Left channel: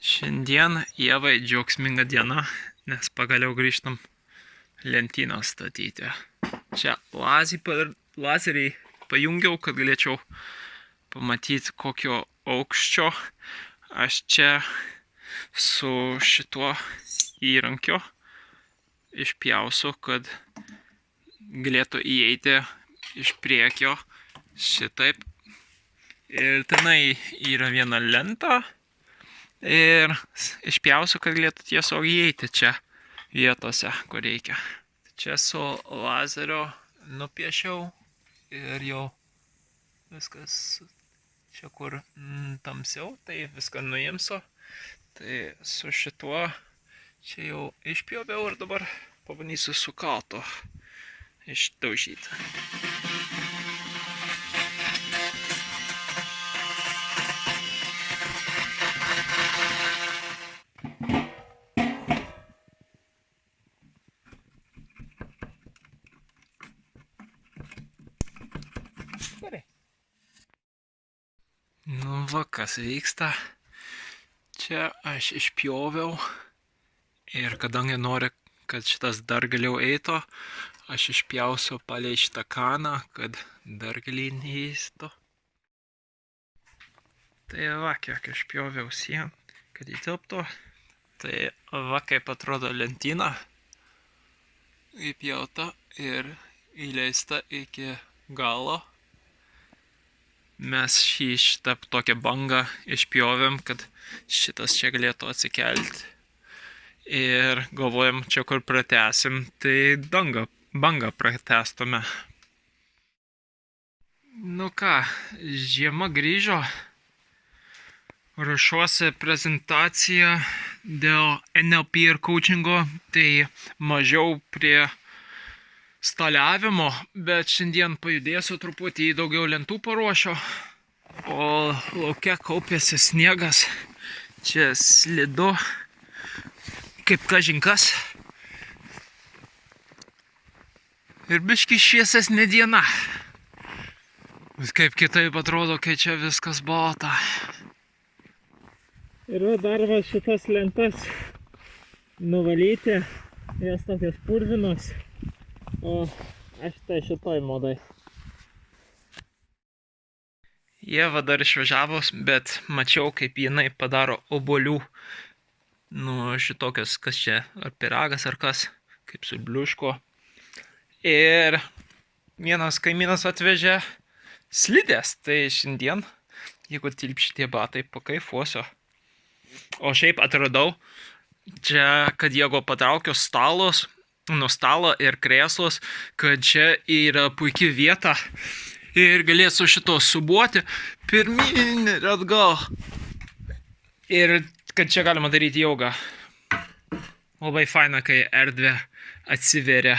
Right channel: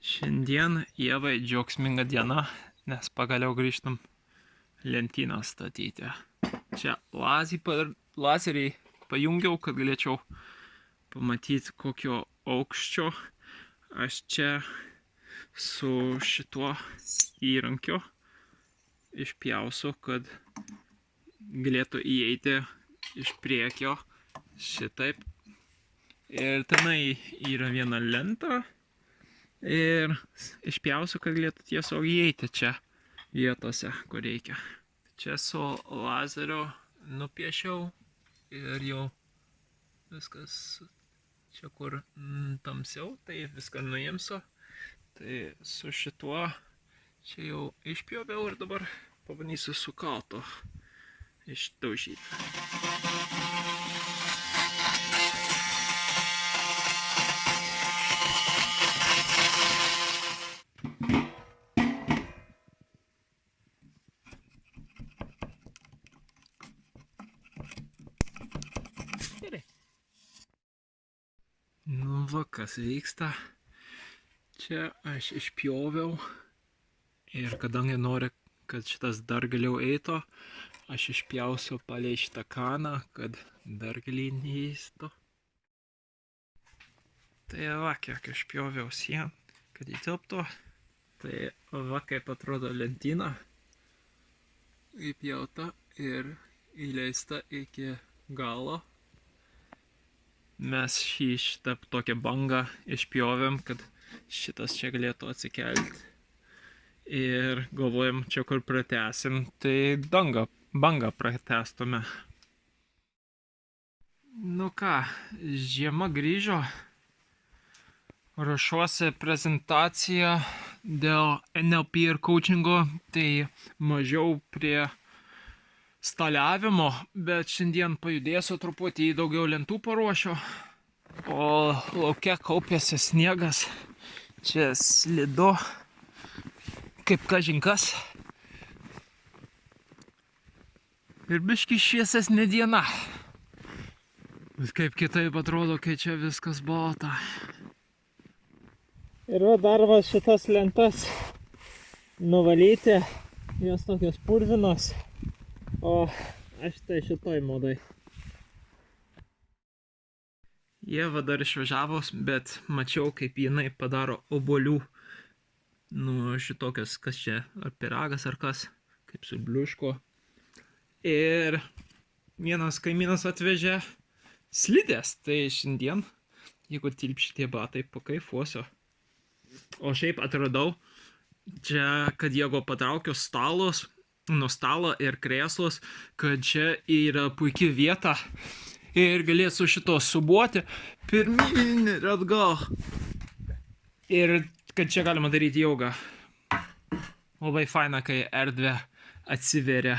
Šiandien Ievai džiaugsminga diena, nes pagaliau grįžtam lentyną statyti. Čia lazeriai pajungiau, kad galėčiau pamatyti kokio aukščio. Aš čia su šituo įrankiu išpjausiu, kad galėtų įeiti iš priekio šitaip. Ir tenai yra viena lenta. Ir išpjausiu, kad galėtų tiesiog įeiti čia vietose, kur reikia. Čia su lazerio nupiešiau ir jau viskas čia kur tamsiau, tai viską nuimsiu. Tai su šituo čia jau išpjoviau ir dabar pabandysiu su kaltu išdaužyti. Nu va, kas vyksta. Čia aš išpjoviau ir kadangi noriu, kad šitas dar giliau eitų, aš išpjausiu palei šitą kaną, kad dar giliai neįstų. Tai va, kiek išpjoviau sieną, kad įtilptų. Tai va, kaip atrodo lentyna. Įpjauta ir įleista iki galo. Mes šitą tokią bangą išpjovėm, kad šitas čia galėtų atsikelti. Ir galvojam, čia kur pratęsim, tai bangą pratęstume. Nu ką, žiema grįžo. Ruošiuosi prezentaciją dėl NLP ir coachingo, tai mažiau prie staliavimo, bet šiandien pajudėsiu truputį, daugiau lentų paruošiu. O lauke kaupėsi sniegas, čia slidu, kaip kažinkas. Ir biški šviesesnė diena. Kaip kitaip atrodo, kai čia viskas balta. Ir dar va šitas lentas nuvalyti, jos tokios purvinos. O aš tai šitoj modai. Ieva dar išvažiavus, bet mačiau, kaip jinai padaro obuolių. Nu, šitokios, kas čia, ar pyragas, ar kas, kaip su bliuško. Ir vienas kaimynas atvežė slidės, tai šiandien, jeigu tilp šitie batai, pakaifuosiu. O šiaip atradau, čia, kad jeigu patraukiu stalus, nuo stalo ir krėslus, kad čia yra puikia vieta ir galėsiu šito subuoti pirmyn ir atgal. Ir kad čia galima daryti jogą. Labai faina, kai erdvė atsiveria.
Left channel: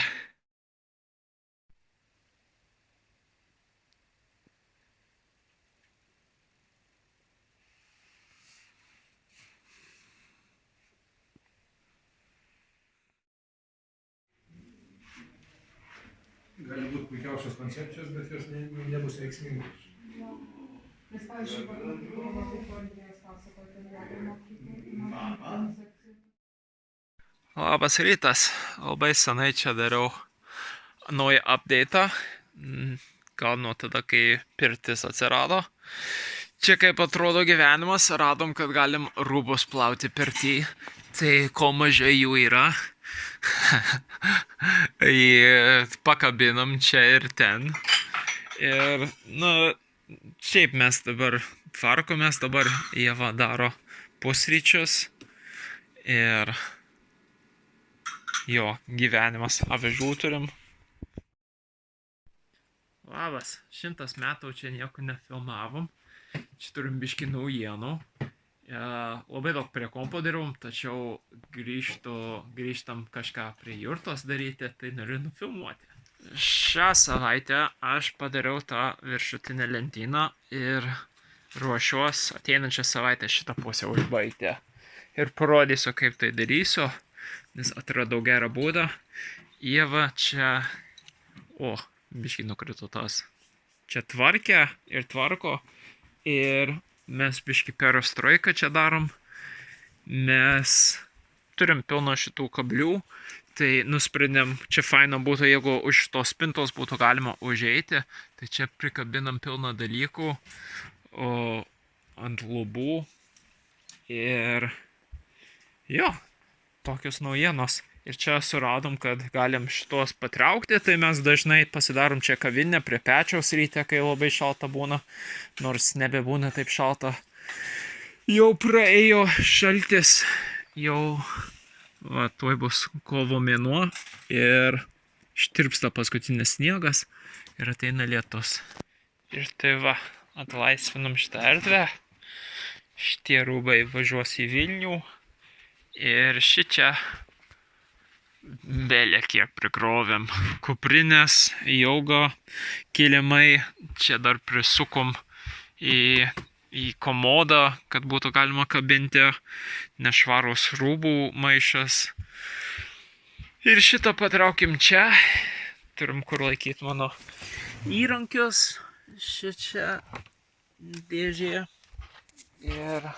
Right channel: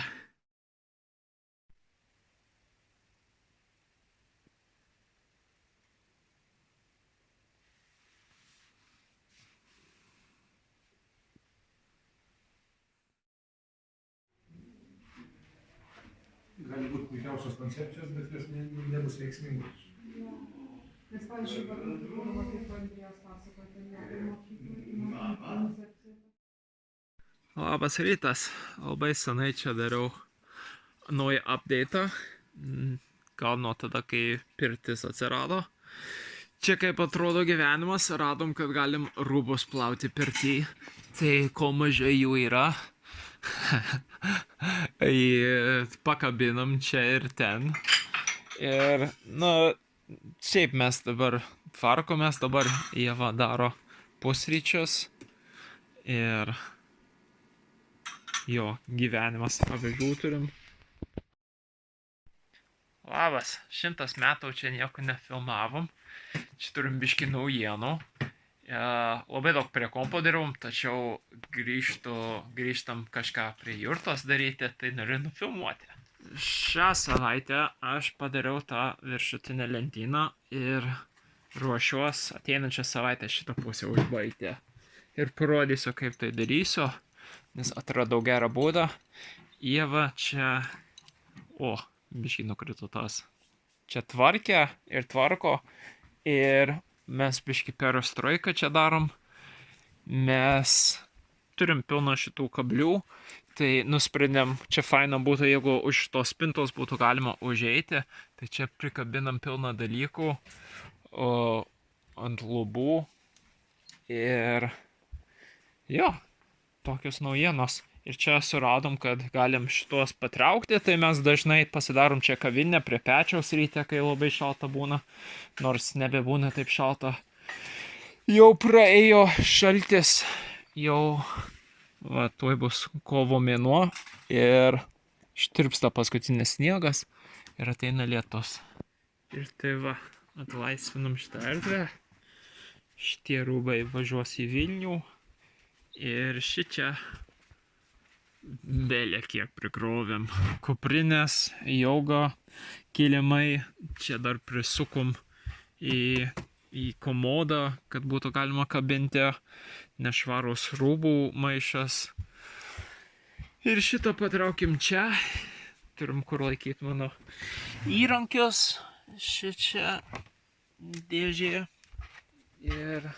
Gali būti puikiausios koncepcijos, bet jos nebus veiksmingos. Nes, pavyzdžiui, kaip Andrijas pasakoja, apie mokyklą. Labas rytas. Labai senai čia dariau naują update'ą. Gal nuo tada, kai pirtis atsirado. Čia kaip atrodo gyvenimas. Radom, kad galim rūbus plauti pirtį. Tai ko mažai jų yra. Pakabinam čia ir ten. Ir, na, šiaip mes dabar tvarkomės, dabar Ieva daro pusryčius. Ir jo, gyvenimas, avižų turim. Labas, 100 metų čia nieko nefilmavom. Čia turim biškį naujienų. Labai daug prie kompo dirbam, tačiau grįžtam kažką prie jurtos daryti, tai noriu nufilmuoti. Šią savaitę aš padariau tą viršutinę lentyną ir ruošiuos ateinančią savaitę šitą pusę užbaigti. Ir parodysiu, kaip tai darysiu, nes atradau gerą būdą. Ieva čia, biškį nukrito tas. Čia tvarkė ir tvarko ir mes biškį perestroiką čia darom mes turim pilną šitų kablių, tai nusprendėm, čia faina būtų, jeigu už tos spintos būtų galima užeiti, tai čia prikabinam pilną dalykų ant lubų ir jo, tokios naujienos. Ir čia suradom, kad galim šitos patraukti, tai mes dažnai pasidarom čia kavinę prie pečiaus ryte, kai labai šalta būna, nors nebebūna taip šalta. Jau praėjo šaltis, jau tuoj bus kovo mėnuo ir ištirpsta paskutinis sniegas ir ateina lietus. Ir tai va, atlaisvinam šitą erdvę, šitie rūbai važiuos į Vilnių ir šičia belė kiek prikrovėm. Kuprinės, jauga, kilimai, čia dar prisukom į komodą, kad būtų galima kabinti, nešvarus rūbų maišas. Ir šitą patraukim čia, turim kur laikyti mano įrankius, šičia dėžė. Ir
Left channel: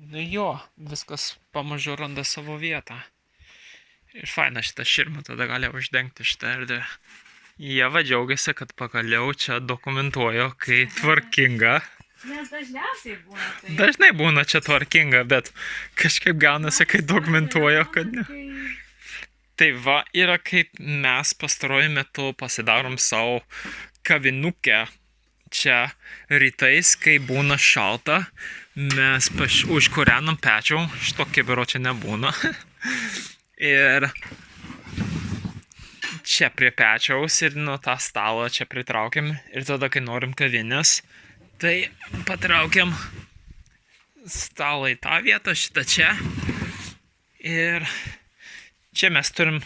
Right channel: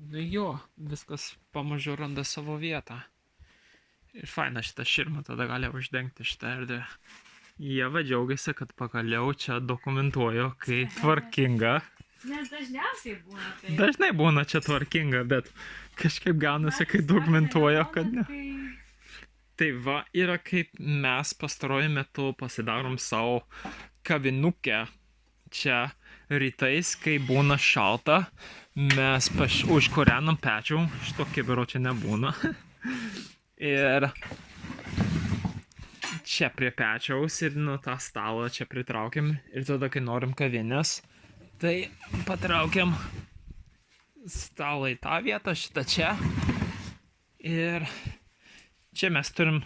nu jo, viskas pamažu randa savo vietą. Ir faina šitą širmą, tada gali uždengti šitą erdvę. Ieva džiaugiasi, kad pagaliau čia dokumentuoju, kai tvarkinga. Nes dažniausiai būna tai. Dažnai būna čia tvarkinga, bet kažkaip gaunasi, kai dokumentuoju, kad ne. Tai va, yra kaip mes pastaruoju metu pasidarom savo kavinukę. Čia rytais, kai būna šalta, mes užkūrenam pečių, šito kibiro čia nebūna. Ir čia prie pečiaus ir nuo tą stalą čia pritraukiam ir tada, kai norim kavinės, tai patraukiam stalą į tą vietą, šitą čia. Ir čia mes turim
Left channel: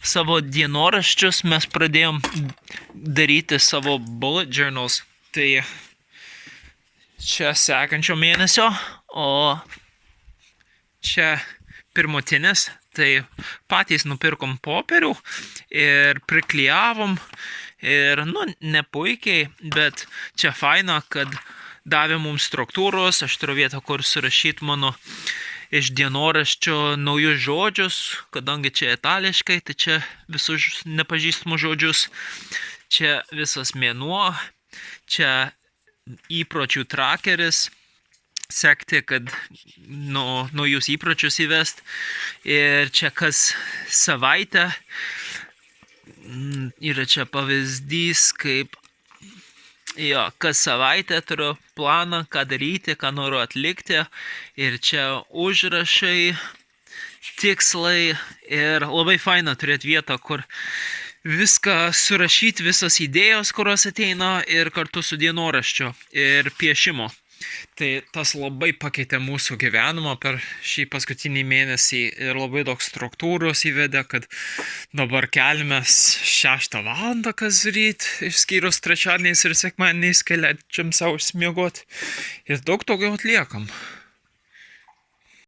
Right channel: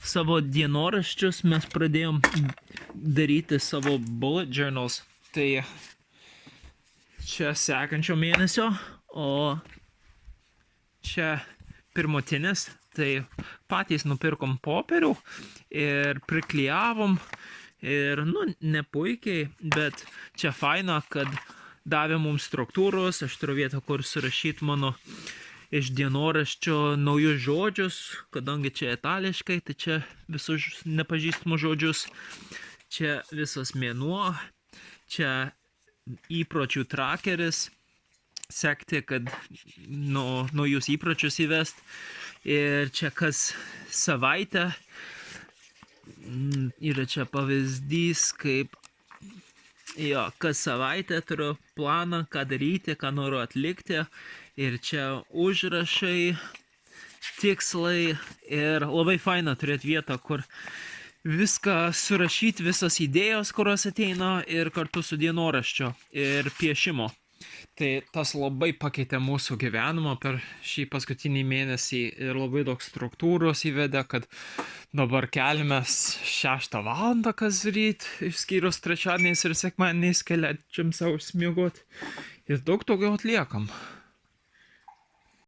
savo dienoraščius, mes pradėjom daryti savo bullet journals. Tai čia sekančio mėnesio, o čia pirmutinis. Tai patys nupirkom popierių ir priklijavom ir, nu, nepuikiai, bet čia faina, kad davė mums struktūros, aš turiu vietą, kur surašyti mano iš dienoraščio naujus žodžius, kadangi čia itališkai, tai čia visus nepažįstamus žodžius, čia visas mėnuo, čia įpročių trakeris, sekti, kad naujus įpročius įvest. Ir čia kas savaitę yra čia pavyzdys, kaip kas savaitę turiu planą, ką daryti, ką noriu atlikti. Ir čia užrašai, tikslai ir labai faina turėti vietą, kur viską surašyti, visas idėjos, kurios ateina ir kartu su dienoraščiu ir piešimo. Tai tas labai pakeitė mūsų gyvenimą per šį paskutinį mėnesį ir labai daug struktūros įvedė, kad dabar keliamės 6 valandą kas ryt, išskyrus trečiadieniais ir sekmadieniais, kai leidžiam savo išsimiegoti ir daug daugiau atliekam.